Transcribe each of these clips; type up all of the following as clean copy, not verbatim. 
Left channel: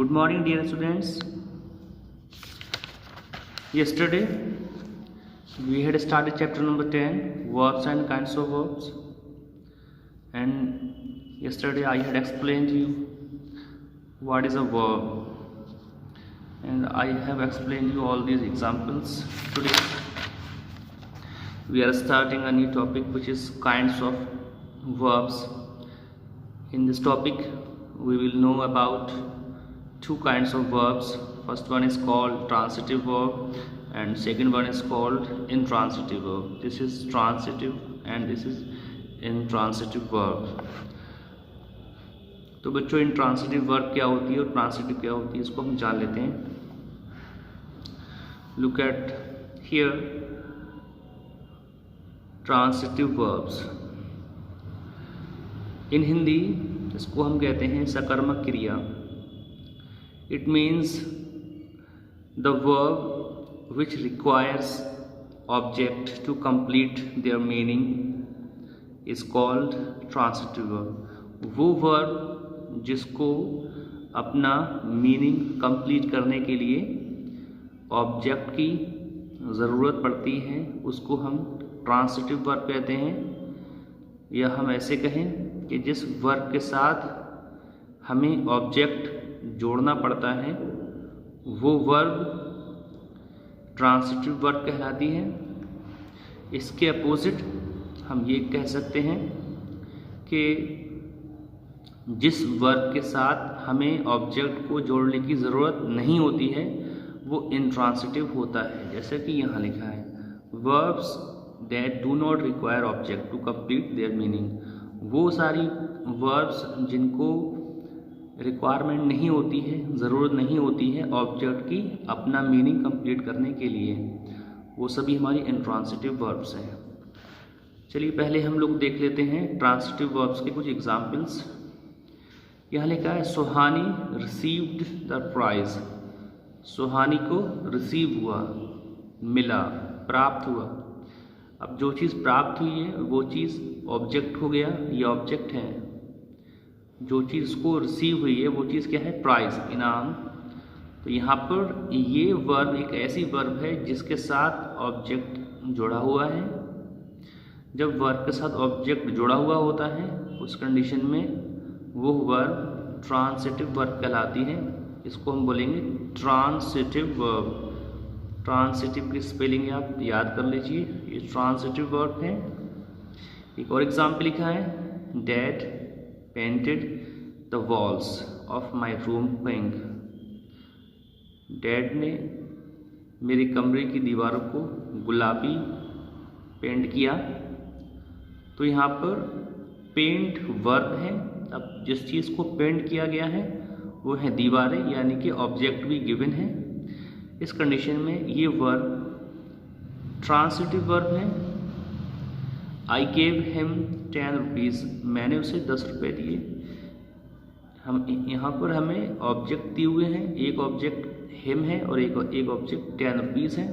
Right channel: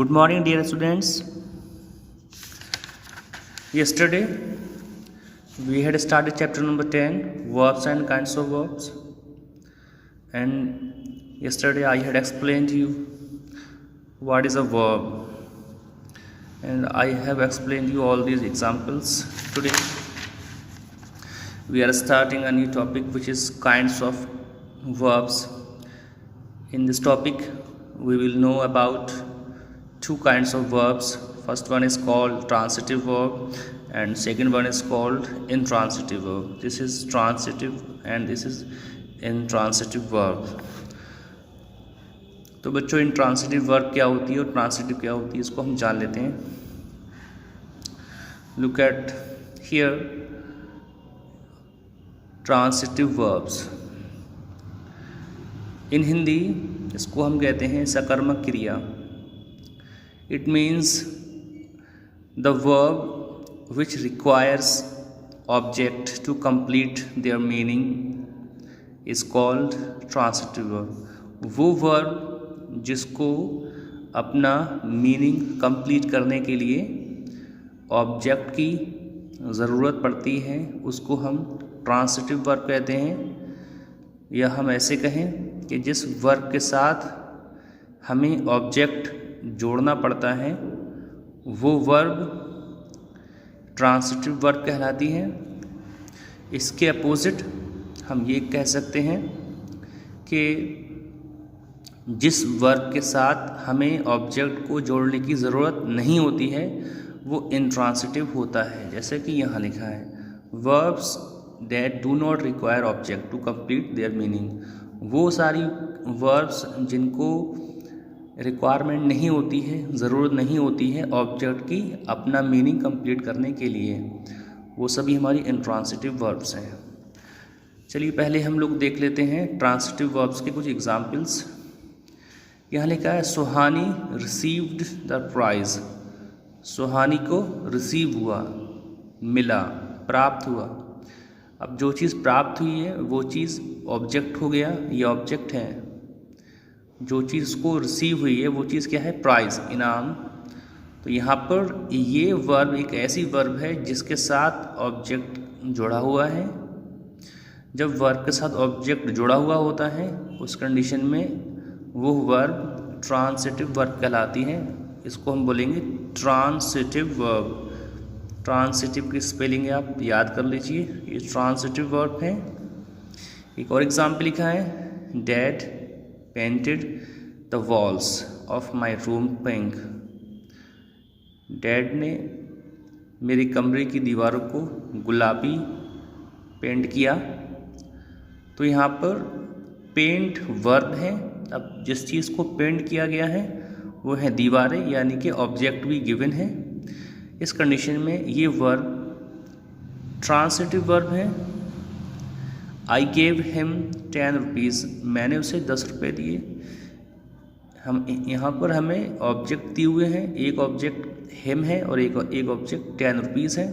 Good morning, dear students. Yesterday we had started chapter number 10, verbs and kinds of verbs, and yesterday I had explained to you what is a verb, and I have explained you all these examples. Today we are starting a new topic, which is kinds of verbs. In this topic we will know about two kinds of verbs. First one is called transitive verb and second one is called intransitive verb. This is transitive and this is intransitive verb. तो बच्चों intransitive verb क्या होती है और transitive क्या होती है, इसको हम जान लेते हैं. Look at here transitive verbs. In Hindi इसको हम कहते हैं सकर्मक क्रिया. It means the verb which requires object to complete their meaning is called transitive verb. वो verb जिसको अपना मीनिंग कंप्लीट करने के लिए ऑब्जेक्ट की ज़रूरत पड़ती है उसको हम ट्रांसिटिव वर्ब कहते हैं. या हम ऐसे कहें कि जिस वर्ब के साथ हमें ऑब्जेक्ट जोड़ना पड़ता है वो वर्ब ट्रांसिटिव वर्ब कहलाती है. इसके अपोजिट हम ये कह सकते हैं कि जिस वर्ब के साथ हमें ऑब्जेक्ट को जोड़ने की ज़रूरत नहीं होती है वो इंट्रांसिटिव होता है. जैसे कि यहाँ लिखा है verbs that do not require object to complete their meaning. वो सारी वर्ब्स जिनको रिक्वायरमेंट नहीं होती है, ज़रूरत नहीं होती है ऑब्जेक्ट की अपना मीनिंग कंप्लीट करने के लिए, वो सभी हमारी इंट्रांसिटिव वर्ब्स हैं. चलिए पहले हम लोग देख लेते हैं ट्रांसिटिव वर्ब्स के कुछ एग्जांपल्स. यहाँ लिखा है सुहानी रिसीव्ड द प्राइज़. सुहानी को रिसीव हुआ, मिला, प्राप्त हुआ. अब जो चीज़ प्राप्त हुई है वो चीज़ ऑब्जेक्ट हो गया, ये ऑब्जेक्ट है. जो चीज़ को रिसीव हुई है वो चीज़ क्या है, प्राइज़, इनाम. तो यहाँ पर ये वर्ब एक ऐसी वर्ब है जिसके साथ ऑब्जेक्ट जुड़ा हुआ है. जब वर्ब के साथ ऑब्जेक्ट जुड़ा हुआ होता है उस कंडीशन में वो वर्ब ट्रांसिटिव वर्ब कहलाती है. इसको हम बोलेंगे ट्रांसिटिव वर्ब. ट्रांसिटिव की स्पेलिंग आप याद कर लीजिए, ये ट्रांसिटिव वर्ब है. एक और एग्जाम्पल लिखा है dad painted the walls of my room pink. Dad ने मेरे कमरे की दीवारों को गुलाबी पेंट किया. तो यहाँ पर पेंट वर्ब है. अब जिस चीज़ को पेंट किया गया है वो है दीवारें, यानी कि ऑब्जेक्ट भी गिवन है. इस कंडीशन में ये वर्ब ट्रांसिटिव वर्ब है. I gave him 10 rupees. मैंने उसे 10 रुपये दिए. हम यहाँ पर हमें ऑब्जेक्ट दिए हुए हैं, एक ऑब्जेक्ट हिम है और एक ऑब्जेक्ट 10 रुपीज़ है.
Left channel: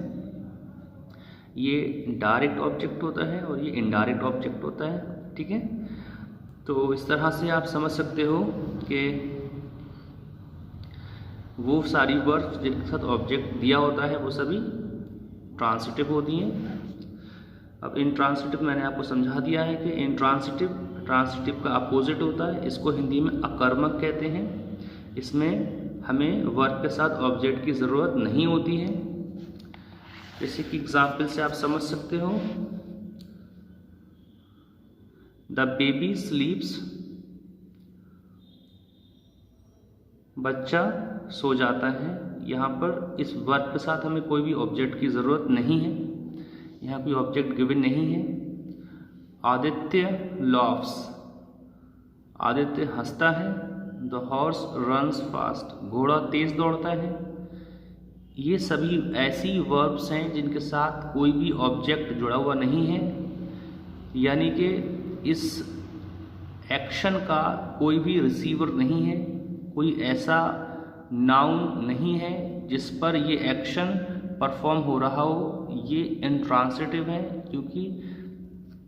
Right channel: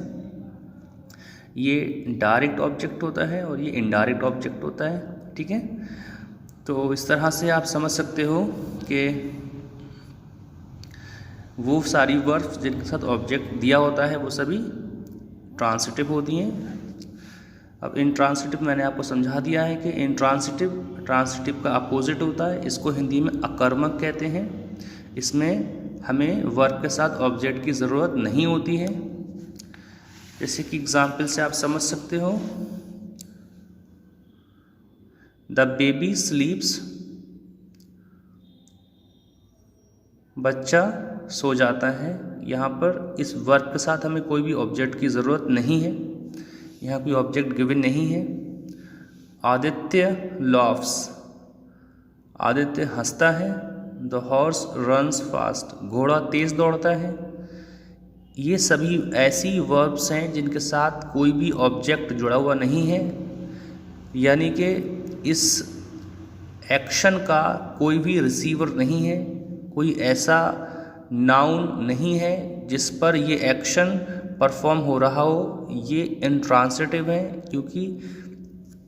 ये डायरेक्ट ऑब्जेक्ट होता है और ये इनडायरेक्ट ऑब्जेक्ट होता है. ठीक है, तो इस तरह से आप समझ सकते हो कि वो सारी वर्ब्स जिनके साथ ऑब्जेक्ट दिया होता है वो सभी ट्रांसिटिव होती हैं. अब इंट्रांसिटिव मैंने आपको समझा दिया है कि ट्रांसिटिव का अपोजिट होता है. इसको हिंदी में अकर्मक कहते हैं. इसमें हमें वर्ब के साथ ऑब्जेक्ट की ज़रूरत नहीं होती है. जैसे कि एग्जाम्पल से आप समझ सकते हो द बेबी स्लीप्स. बच्चा सो जाता है. यहाँ पर इस वर्ब के साथ हमें कोई भी ऑब्जेक्ट की ज़रूरत नहीं है, यहाँ कोई ऑब्जेक्ट गिवन नहीं है. आदित्य लॉफ्स. आदित्य हंसता है. The horse runs fast. घोड़ा तेज़ दौड़ता है. ये सभी ऐसी वर्ब्स हैं जिनके साथ कोई भी ऑब्जेक्ट जुड़ा हुआ नहीं है, यानी कि इस एक्शन का कोई भी रिसीवर नहीं है, कोई ऐसा नाउन नहीं है जिस पर ये एक्शन परफॉर्म हो रहा हो. ये इंट्रांसिटिव है क्योंकि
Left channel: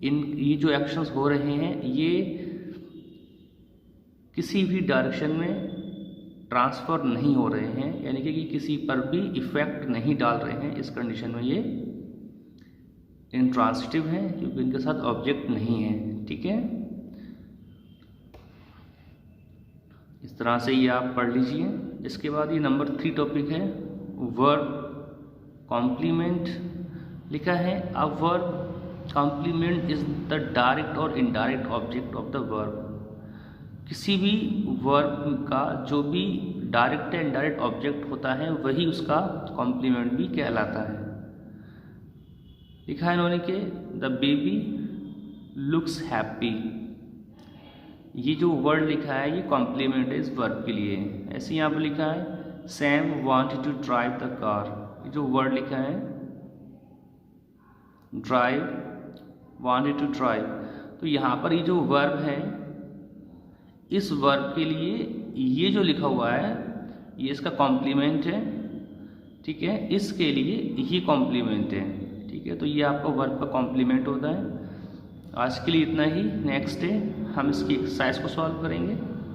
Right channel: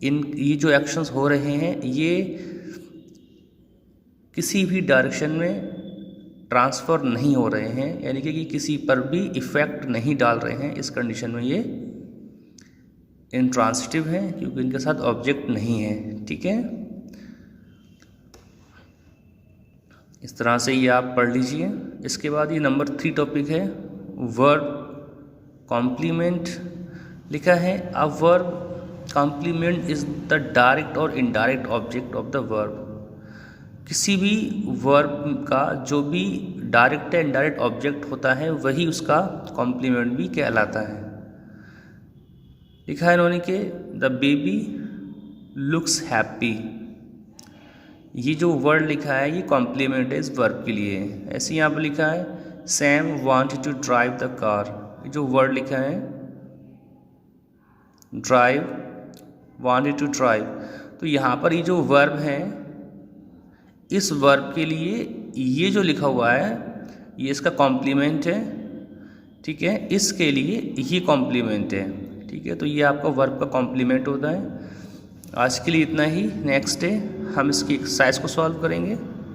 ये जो एक्शंस हो रहे हैं ये किसी भी डायरेक्शन में ट्रांसफ़र नहीं हो रहे हैं, यानी कि किसी पर भी इफ़ेक्ट नहीं डाल रहे हैं, इस कंडीशन में ये इंट्रांसिटिव है क्योंकि इनके साथ ऑब्जेक्ट नहीं है। ठीक है, इस तरह से ये आप पढ़ लीजिए। इसके बाद ये नंबर 3 टॉपिक है वर्ब कॉम्प्लीमेंट। लिखा है a verb complement is the direct और indirect object of the verb. किसी भी वर्ब का जो भी डायरेक्ट या इनडायरेक्ट ऑब्जेक्ट होता है वही उसका कॉम्प्लीमेंट भी कहलाता है। लिखा है इन्होंने कि द बेबी लुक्स हैप्पी। ये जो वर्ड लिखा है ये कॉम्प्लीमेंट है इस वर्ब के लिए। ऐसे यहाँ पर लिखा है Sam wanted to drive the car. ये जो वर्ड लिखा है ड्राइव, वांटेड टू ड्राइव, तो यहाँ पर ये जो वर्ब है इस वर्ब के लिए ये जो लिखा हुआ है ये इसका कॉम्प्लीमेंट है। ठीक है, इसके लिए ये कॉम्प्लीमेंट है। ठीक है, तो ये आपका वर्ब का कॉम्प्लीमेंट होता है। आज के लिए इतना ही। नेक्स्ट डे हम इसकी एक्सरसाइज को सॉल्व करेंगे।